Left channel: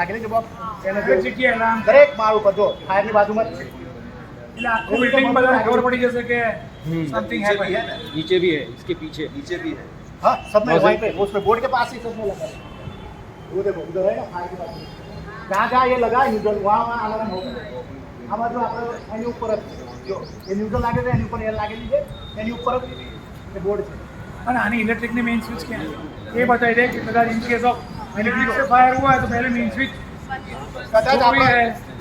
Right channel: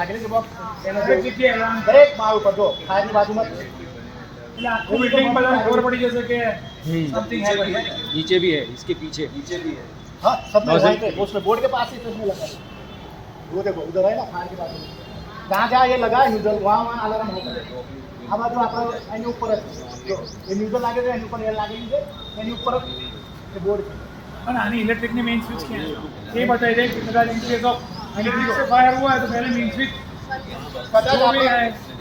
આગળ કે બોક્સ એને જગ્યાએ દરેક માળ ઉપર જો ફાયરની બાજુમાં એટલે આખું બિલ્ડિંગ પર ખબર પડી જશે કે समथिंग है नीचे भी है इसके पीछे भी है हाँ सब में वहीं पे उसमें बोर्ड के पास ही उसमें लगा है वो देखो उधर है ना फायर के पास जहाँ जहाँ ये लगा है न्यूट्रल वहाँ अलार्म होगा આમાં જો આપણે એની ઉપર જ જો એ ન્યુટ્રલ લાગે છે એની ઉપર એ લાગેલી છે એની ઉપર જ એ બોર્ડ છે અને આની ઇલેક્ટ્રિકની મેઇન સ્વિચ ક્યાં છે એ બતાવી દે કે કદાચ ઇન કેસ ઓફ ઇલેક્ટ્રિક से फायर हुआ है तो पहले मेन स्विच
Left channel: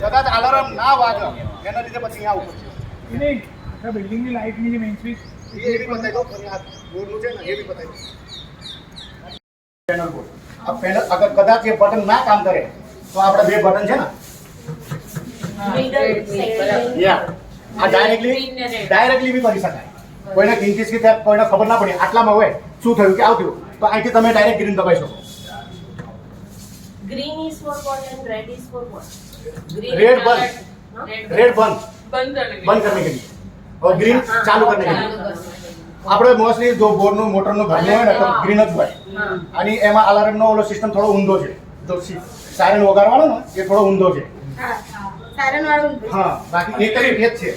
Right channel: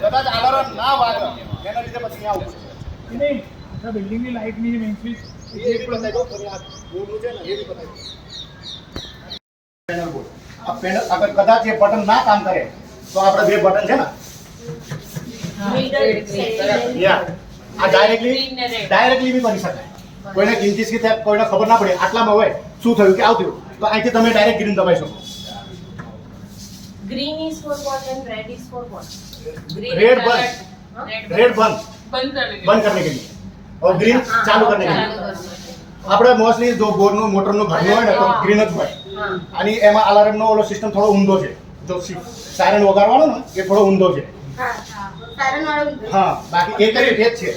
કદાચ અલાર્મ ના વાગે એના લીધે પછી અહીંયા ઉપર છે नहीं अच्छा बिल्डिंग की लाइट नहीं मेन स्विच ये भी बताई दो और यहाँ बोर्ड मुझे ना ये भी बताई दो पैनल बोर्ड अब पैनल अगर कदाच ये बटन ना काम करे तो આપણે બે બટન છે ને યા આ ડાયરેક્ટલી બી કરી શકાય કોઈને કિંચિત કે કોઈને ખબર ના પડે આટલામાં હોય શું થયું કે આવતું તો અહીંથી તમે ડાયરેક્ટ ગ્રીન દબાઈ શકો Green is for what and red is for what? Green red and बंद alert, हाँ? रेड बंद बंद करने करने के लिए और ग्रीन चालू करने के लिए આપણે મોસ્ટલી જો બોરનું મોટરનું ઘરનું હોય ને તો ગ્રીન જ હોય અને એમાં અલાર્મનો ઓલો સિસ્ટમ થોડો ઊંધો છે જો સાયરન વગાડવાનો ને એ થોડો ઊંધો છે सायरन वाला હા બાકી એક જ છે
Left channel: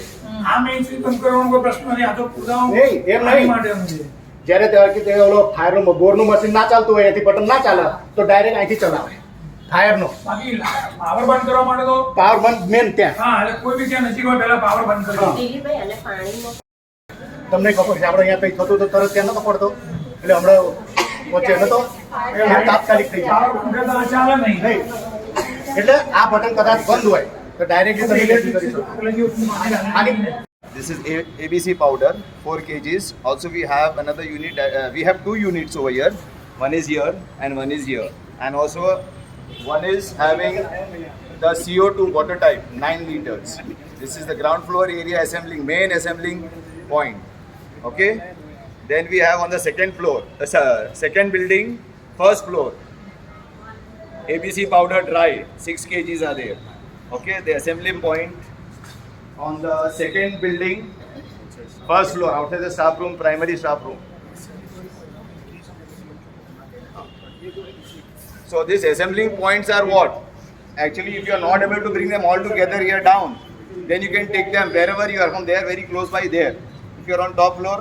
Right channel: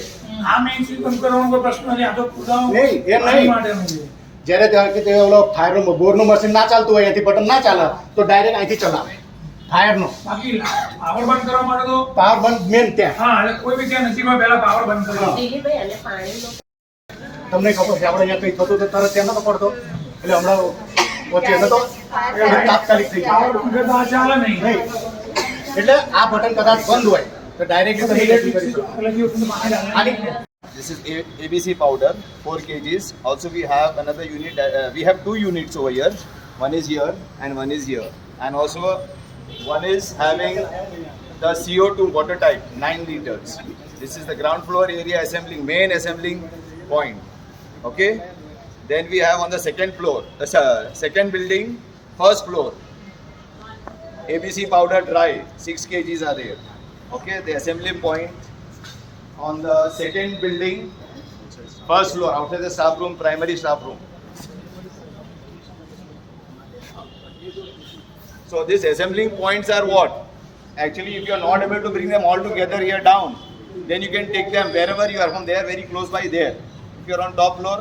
આ મેઇન સ્વિચ બંધ કરવાનો કોઈ પ્રશ્ન નથી આ તો પૂરા નહીં એમ નહીં માટેનું છે જ્યારે તે ઓલો ફાયરનું બોરનું મશીન ના ચાલતું હોય એથી બટન ના ચાલે તો ડાયરેક્ટ અહીંથી ચલાવે ફાયરનો બાકી પાવર બંધ કરવા માટે તો પાવર બંધ મેન ત્યાં હા એટલે કોઈ બી ત્યાં નજીક હોય પહેલા પાવર બંધ કરી દો દિલીપભાઈ અને પાણીનો તમને ખબર છે આપણે અહીંયા કંઈ થતું તો તરત ત્યાં નતો પડતો એટલે હમણાં વચ્ચે નતો તાત્કાલિક થઈ જાય પાવર બંધ કરતા ચાલે નહીં નહીં એટલે આ બટન કદાચ બંધ હોય તો ડાયરેક્ટલી તમે એક્ટિવ કરી શકો એટલે જે પાણી આની This is ABC powder, 4 kgs. Also, we have another unit. We have 2 units over here. One is here and one is here. And also, one is having the CO2 water type, 9 liters. This is the ground floor area assembling, main assembling point. Okay. Then we have on the second floor, second building, first floor. ABC powder dry, 6 kgs are there. Okay. The assembly point. On the second building, first floor, outside the staff room, primary staff room. So these assembling points are what? Actually, if you are not able to bring them all together here down, then you can take them wherever you are from there, very close by there. If you are on top floor,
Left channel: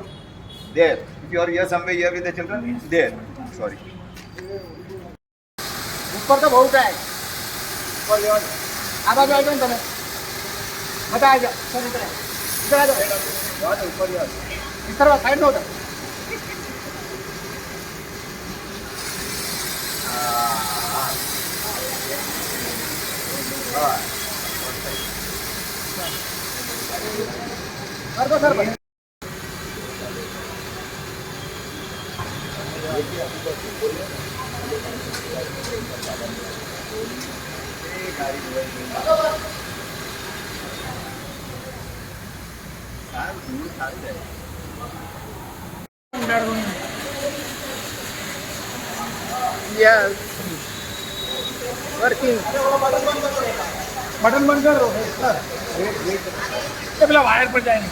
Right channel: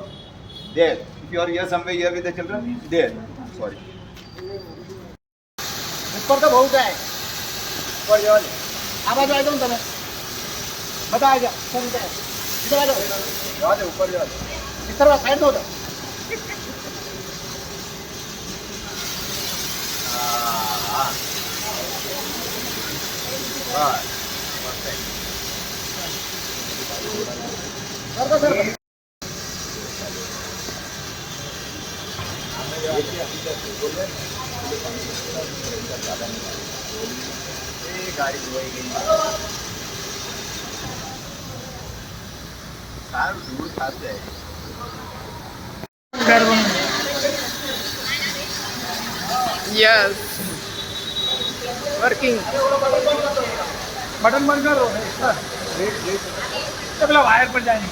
there. If you are here somewhere here with the children, there. Sorry. ઉપર તો બહુ જાય ઉપર જવા આ બાજુ આવી જાઓ ને તમે બધા આવી જાઓ સર ઇધર આ જાઓ જવા દે ઉપર જવા ઇધર સાઈડ નો હતા સર તો સર ગાડી ધોવાઈ ગઈ સારું દૂર થાક જાય Yes. Working. बटन बंद करो तो પેલા વાયર પર જાય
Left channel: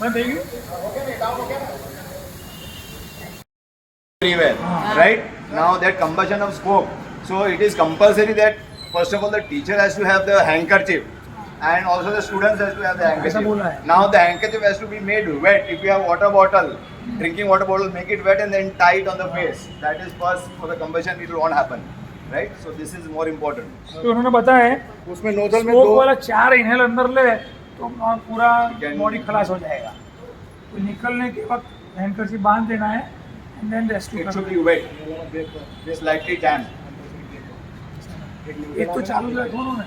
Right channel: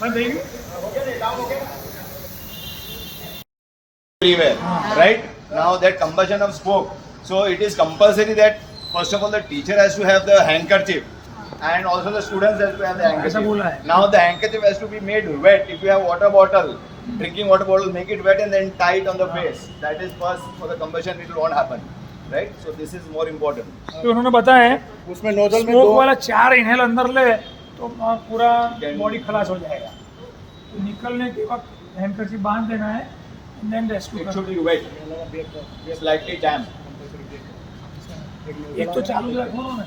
બંધ થઈ ગયું everywhere, right? Now that combustion of smoke, so it is compulsory that first of all the teacher has to have the handkerchief and also the students has to have the handkerchief. Now the handkerchief has to be made wet. If you have water bottle, drinking water bottle, make it wet and then tie it on the face. That is first for the combustion, it will not happen, right? So this is more important. तो उन्होंने बताया है उसमें नोजल में स्मोक दो वाला 4 इनहेल अंदर ले तो पूरा बॉडी खलास हो जाएगा तो निकलने के वक्त हैंडकरचिप बांध देना है and then rescue It should करना be wet, slightly damp. एक तो चालू रखो ना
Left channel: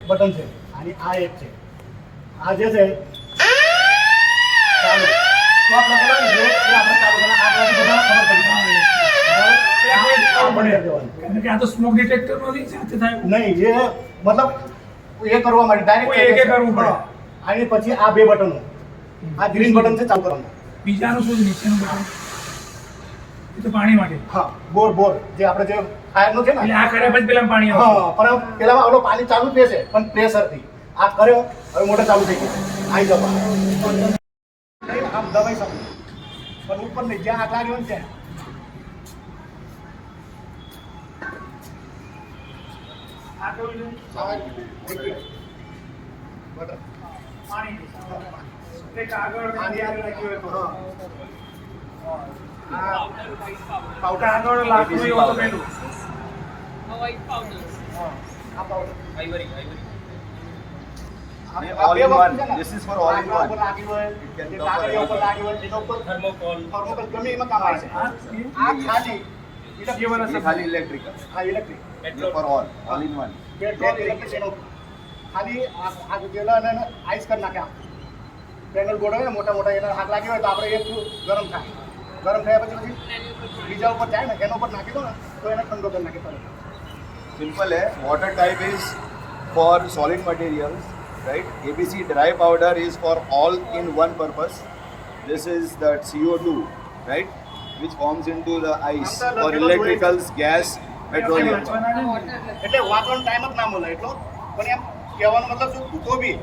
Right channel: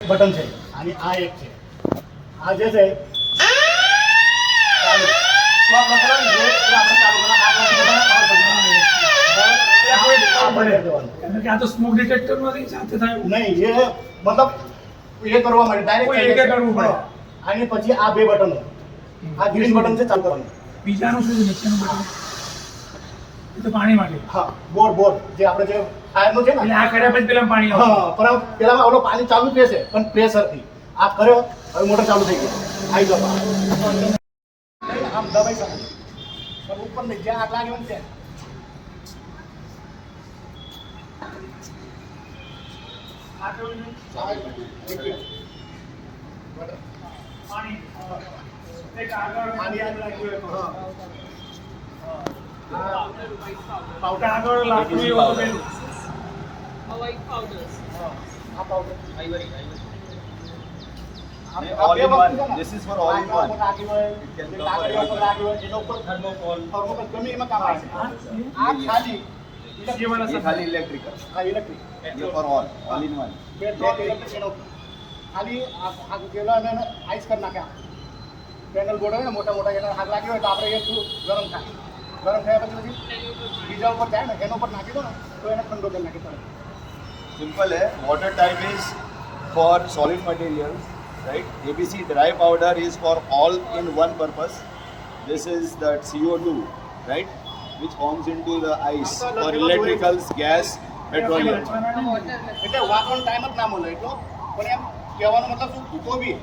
બટન છે અને આ એક છે આ જે છે ચાલુ તો આપણે કરવાનું છે એ આપણે ચાલુ કરવાના આપણાથી બધાને ખબર પડી કારણ કે આ તો સ્મોક ડિટેક્ટર માંથી સાથે થાય નહીં એ મતલબ એ કરવા માટે ડાયરેક્ટ કોઈ એકે કરવું પડે. અને પછી આ બે બટનો આ ગ્રીન બટન છે ચાલુ કરવાનું બીજાનું શું છે નીચેનું બટન એ તો પાણી માટે હા બોર જે આપણે જે ફાયરનો છે ને એટલે આ કર્યા પછી પેલા પાણી આવશે. હા પણ પેલામાં ઓલો પાણી ચાલુ જ રહેશે પણ પ્રેશરથી આ કર્યો હવે મોટર ચાલુ થઈ ગઈ આવી જાવ આમ દબાઈ શકો પણ ઉપર નહીં, જ્યાં આગ લાગ્યો ને ત્યાં. આ કેવું છે? આ liquid. બટર. પાણી. એક આગળ આની આગ લાગી હોય તો. આ પાવડર આગળ લાકડું એવું તો પેલું. આ પાવડર. ये all in one. This is for all in લાકડા ઉપર one. લાગી હોય, can કે cover કાગળિયા ઉપર everything. લાગી હોય, એના ઉપર થર્મોકોલ ગમે એમાં કામ આવે છે. આ આ ખાલી ये वाला ये खाली इलेक्ट्रिकल. હા ઇલેક્ટ્રિક ये for all in one. Petrol electric એનો ખાલી આગ જેલા અને આઈસ કરી નાખે પેનલ બોર્ડ હોય ને મોટા મોટા એને આગ લાગી હોય તો આપણે એ ગરમ થાય, ગરમ થયા પછી બીજા ઉપર જાય ને એના ઉપર નાખી દો ને તો એને ઠંડો કરી નાખે તરત. Simple है. Water type is for solid materials, right? ABC dry powder is for all in one purpose. This is the CO2, right? Which forms into the ice for electricals, gas, petroleum. વાંચવાના છે ને? એટલે વાંચવાનો ટાઈમ જ ના મળે એટલો, પણ એમ કહેવાનો મતલબ શું ધૂકો બી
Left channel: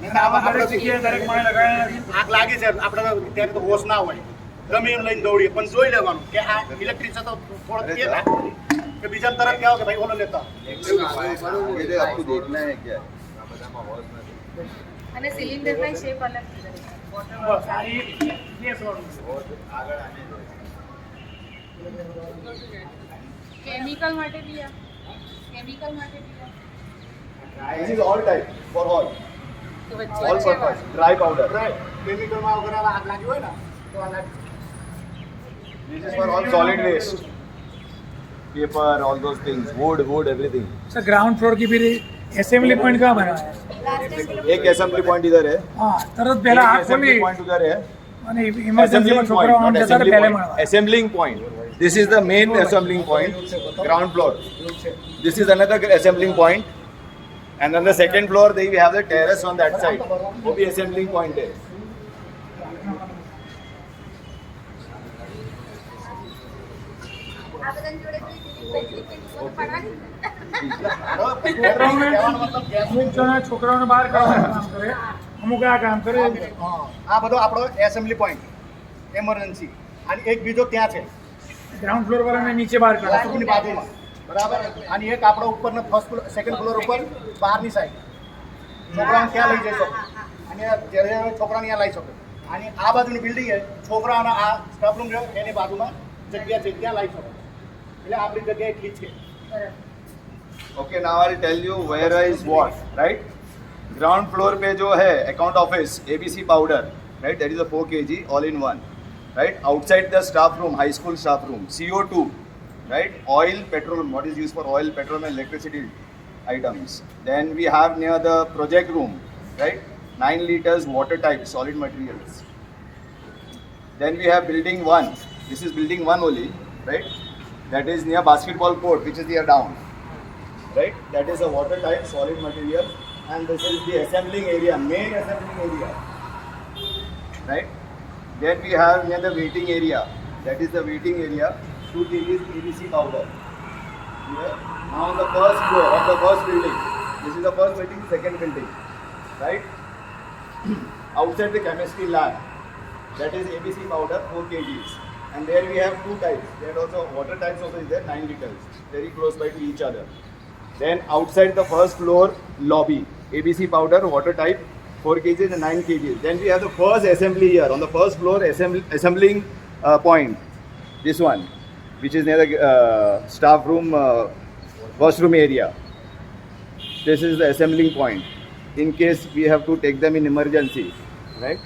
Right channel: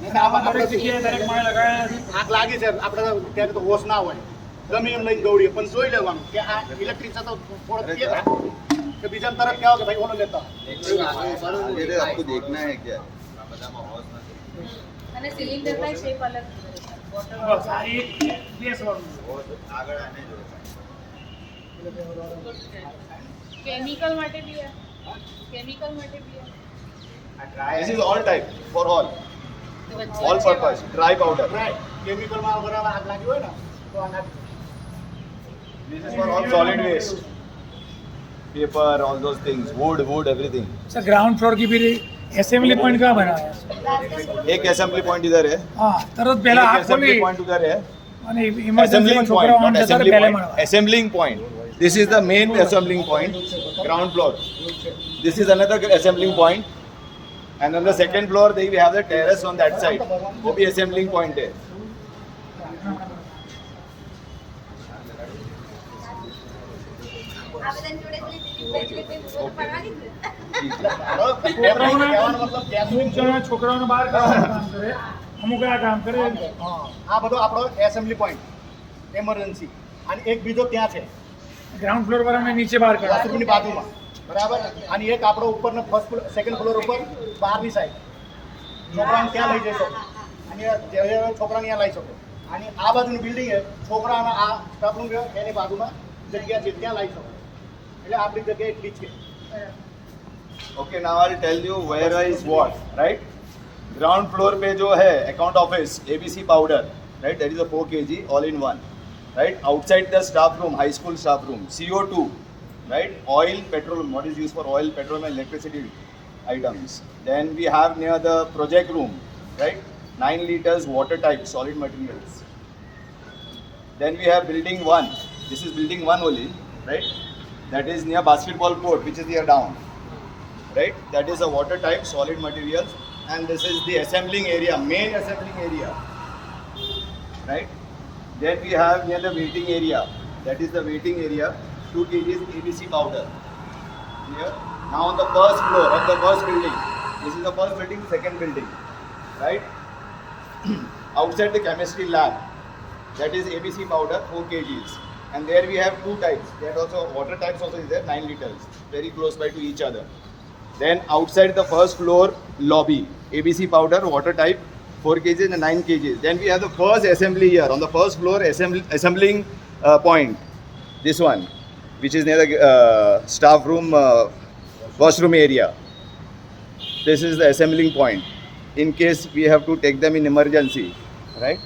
નહીં તો આમાં દરેક આપણે જગ્યાએ દરેક માળે લગાવ્યા છે. આગ લાગી છે આપણે તો ત્યારે તો હોશ ના હોય, ગમે એમ લઈને દોડીએ પણ જોઈ લેવાનું કે આ ઇલેક્ટ્રિક છે તો થોડો કે રાખવું કે બીજાને તરત કહેવો કે ભાઈ ઓલો લેતા ये आपको देखना है क्या? અને સિલિન્ડરના શેપ અલગ છે વોટર બસ આ એક ગેસ વાળું કેમિકલ માટે બી આ કેમિકલ માટે બી આ This is all type for all purpose. Dry powder. કેમિકલમાં વગર આગ લાગી હોય ને તો આ લાગી This is for all solid waste. Paper, all those things, wood, everything. Sir ground floor की फिर असेंबली पॉइंट कहाँ बनाया है? एक assembly point इधर है. हाँ तरत पहला एक आग खोली assembly point उधर है. અને ઇમરજન્સીમાં છોકરાઓ આમ જતા રહે પહેલે મળવા. Assembling point. This is the main assembling point, ground floor. This is another assembling point. And on the second floor, they we have the terrace on that side. वो भी assembling point है. આ બધાની જોડે પેલી પડવાની ને કહેવાનો મતલબ ગેસ અમુક જણા છોકરાઓને બહાર કાઢવાનું કામ કરે, અમુક આ કામ કરે. આ બધો આપણો એસેમ્બલી પોઈન્ટ એમરજન્સી અને એક બીજો ત્યાં છે ગ્રાઉન્ડ ફ્લોર પર અમે નીચે બહાર કાઢ્યા. બાથરૂમની બાજુમાં બરાબર અને એક આપણો ઉપરનો ફર્સ્ટ સેકન્ડ ફ્લોર ઉપર બહારની સાઈડ છોકરાઓને ત્યાં લઈ જઈ શકો અને જ્યારે છોકરાને ત્યાં લઈ શકો અને આ બાજુની બિલ્ડિંગ છે છોકરાઓના આ સ્ટાફ રૂમ છે એની બાજુમાં જગ્યા છે ત્યાં લઈ શકો એટલે આપણી જગ્યા એટલી જ છે. Okay, now I'll tell you where is what, right? Ground floor पे जो है account office ABC powder, right? That is a 4 kg all in one, right? Outside the staff room, high school staff room, CO2, right? Oil, petrol, what is used for oil, petrol and electricity items. Then we have near the project room, right? 9 liters water type, solid materials. Then we have building 1. This is building 1 only, right? That is near basketball court, which is here down. Right? That is a water type solid material, and this is the assembling area, main assembling area. Right? Then we have near the waiting area. That is the waiting area. 2 kg ABC powder. Here. Now on the first floor of the first building. This is the first building, second building. Right? Outside the chemistry lab. That is ABC powder, 4 kgs. And there we have 2 types. That also water types also is there, 9 liters. Very close by to each other. Then outside the first floor lobby, ABC powder, water type, 4 kg and 9 kg. Then we have the first assembly here on the first floor assembling point. This one, which is near the staff room, washroom area. This is the assembling point. In case we have to take them in emergency, right?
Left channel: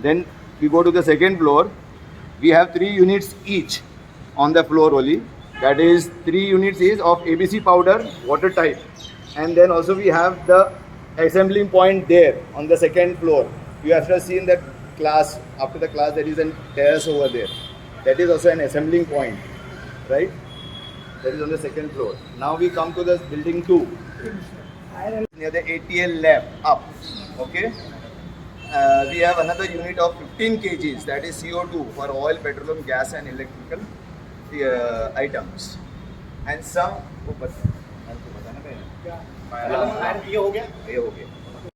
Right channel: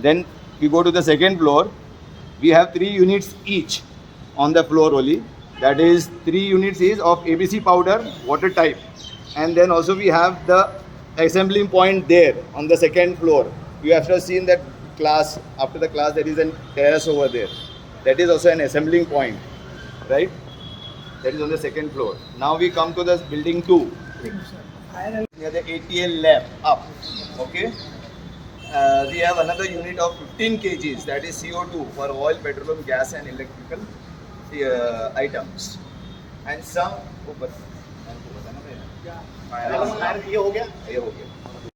Then we go to the second floor. We have 3 units each on the floor only. That is 3 units is of ABC powder, water type. And then also we have the assembling point there on the second floor. You have just seen that class, after the class there is a terrace over there. That is also an assembling point, right? That is on the second floor. Now we come to the building 2. Near the ATL lab, up, okay? We have another unit of 15 kgs, that is CO2 for oil, petroleum, gas and electrical items. And some, ये हो गया ये हो गया.